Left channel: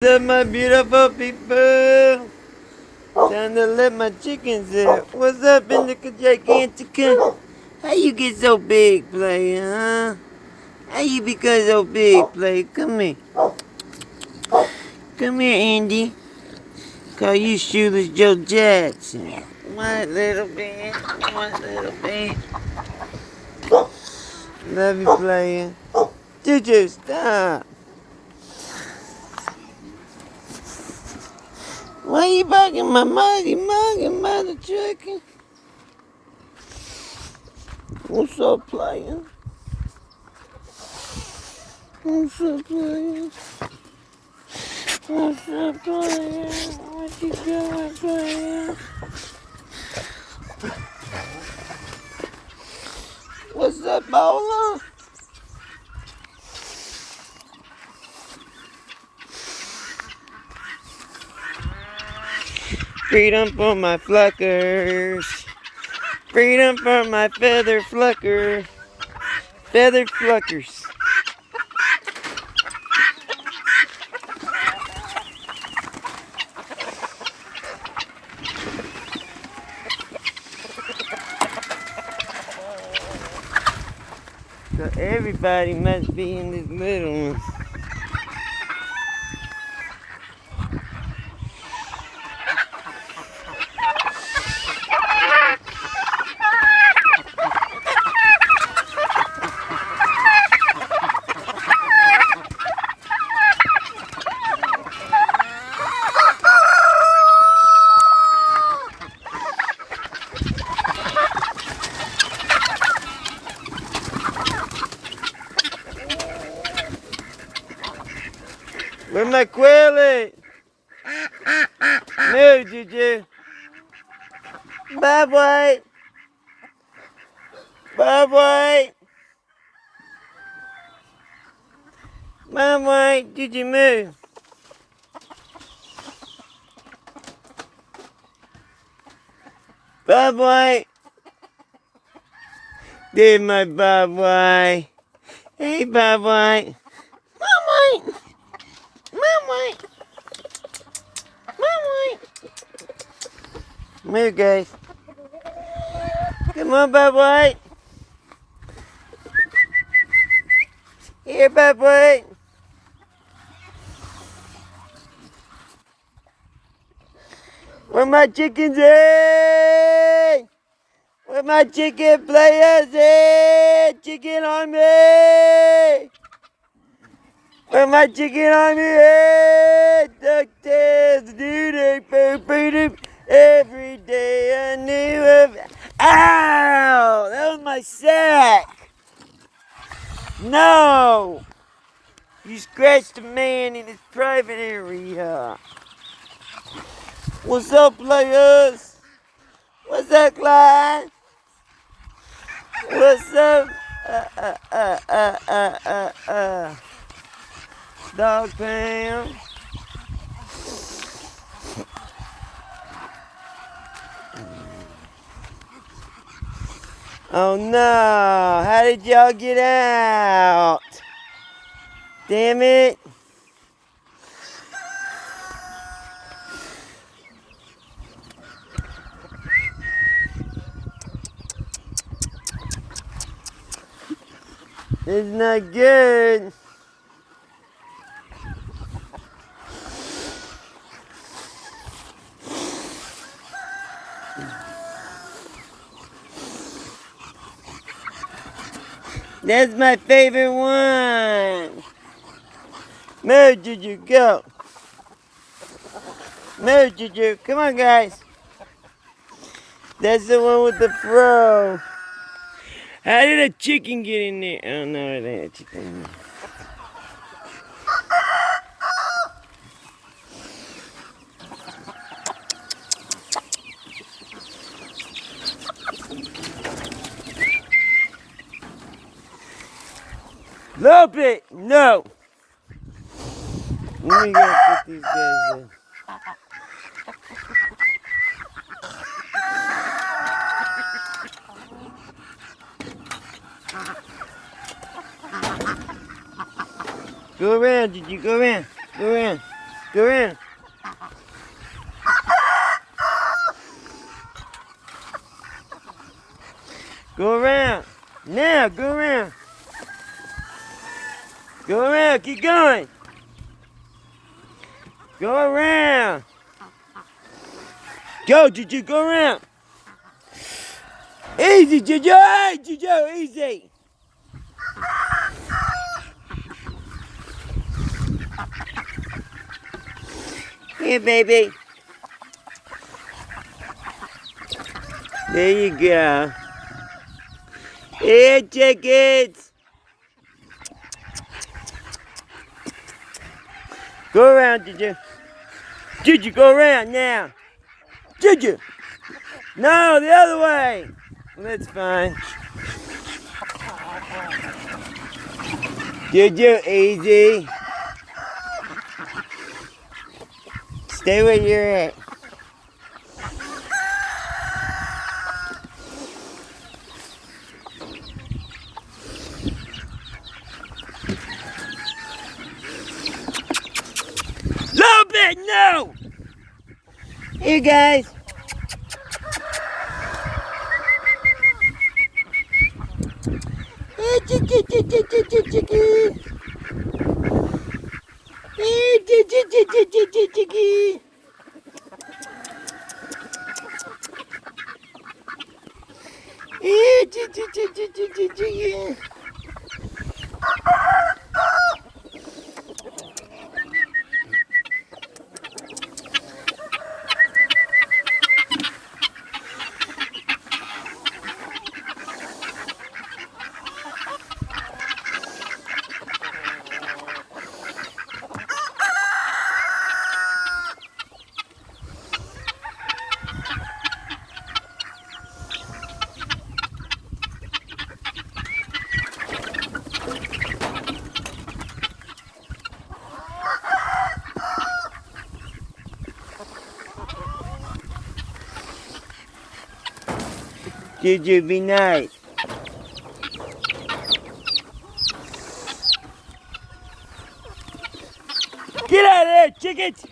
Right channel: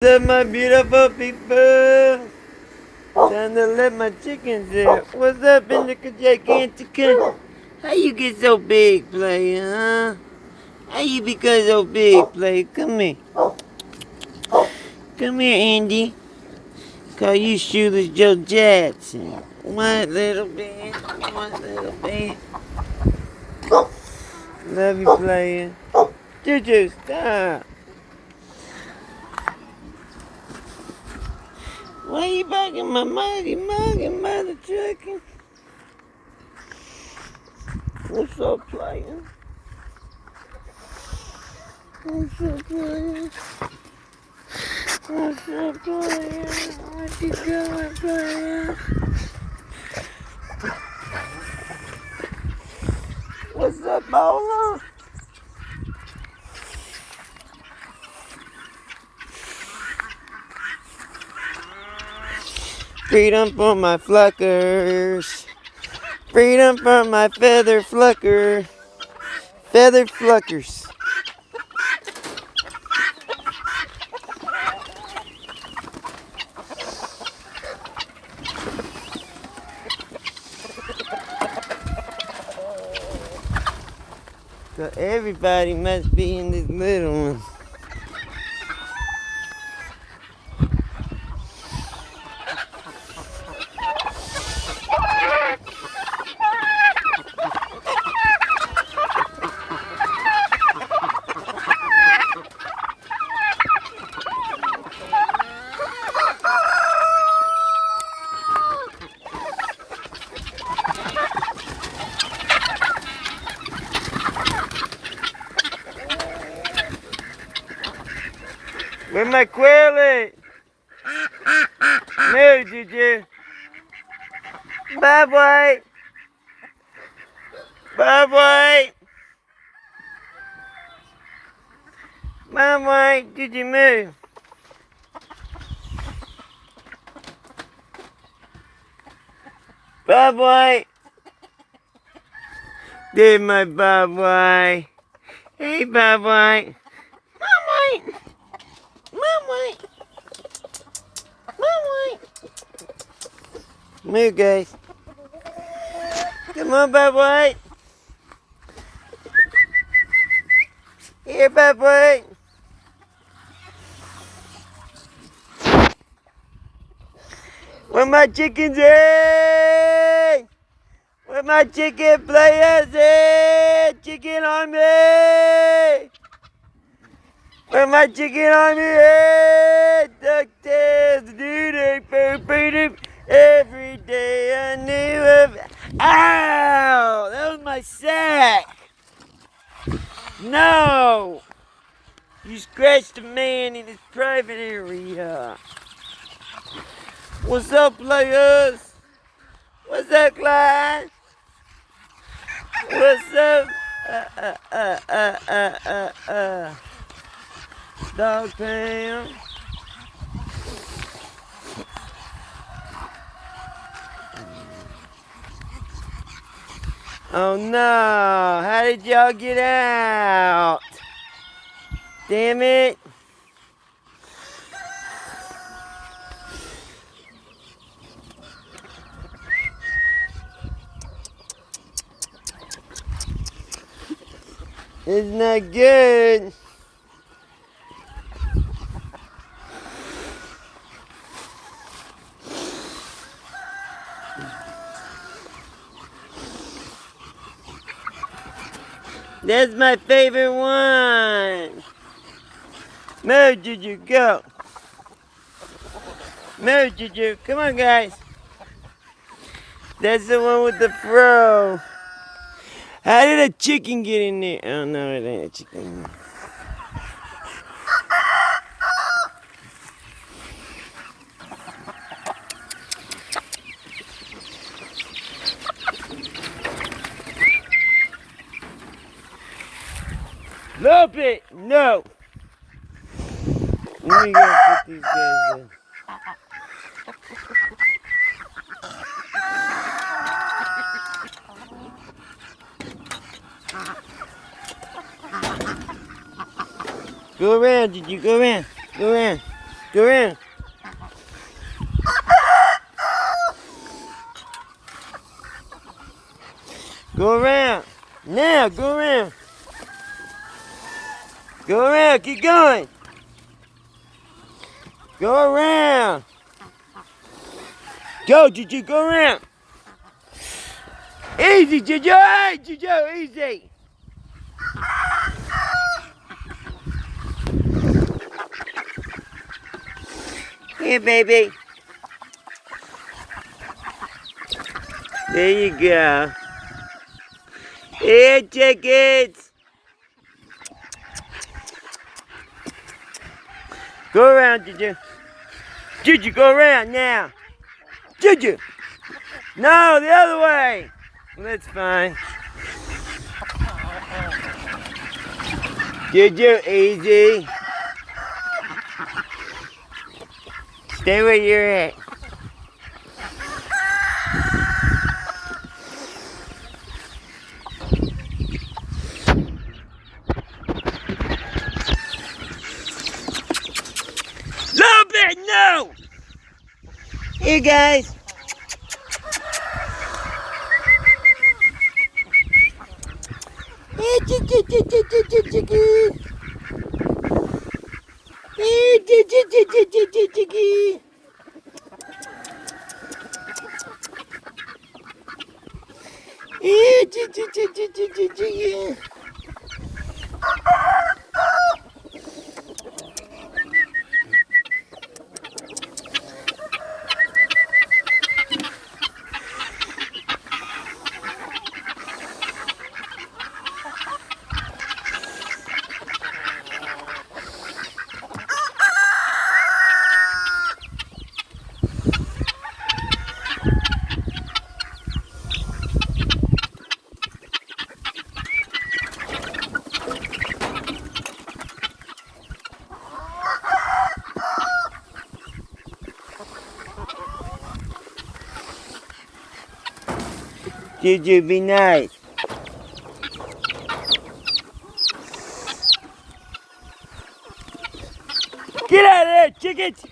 What's up, my beautiful people? Time to let my chickens out. What's up in the gigantic? How you get so big, player, huh? How you become so big, player? Come here. Come here, Andy. Call you Shoeless Joe Jackson. What little bit? What little bit? Love you, player. Juju, stop. Why you barking my mother trucker? What's up, player? What's up, player? What's up, player? What you doing, player? What's up, Bola? Freedom for my fluckers. Freedom for my feather flucker. Feather fluckers. So everybody must be in this little one. Where my quail at? Move, Juju. Bye, boy. Bye, boy. Bye, boy. Juju, move. Bye, boy. There's my bye, boy. Hey, bye, boy. Bye, boy. Bye, boy. Bye, boy. Move, guys. Come on, bye, boy. Here, bye, boy. Where my chickens at? Where my chicken players at? Chicken army! Where my chicken army at? DuckTales, doo-doo, boo-boo-doo. Every day I knew of. Ow! That was my sack! No! You scratched a man in his private area. What's up, players? What's up, Clyde? What's up? Dog pound. Oh no, how did y'all get out? Damn it. It's not good. That's my favorite one. Move, Juju, go. Move, Juju. Come on, guys. That's the one with the fro. How did a chicken get in there? Oh, no, it ain't a chicken. Love it. No. Let me go put these guys in. Go around, did you go around? Go around. Go around. Go around. Now, go around. Go around, keep going. Go around. Go, Juju, go around. Easy, Juju. Hey, Juju, easy. Here, baby. There you go. Here, chickens. Go around, Juju. Juju, go around now. Juju. No, the other way. That's fine. Juju, easy. Stay where you're at. Little bit, no! Here, guys. Hey, chicky. Hey, chicky. Hey, chicky. Juju, be nice. Get out of there, chickens!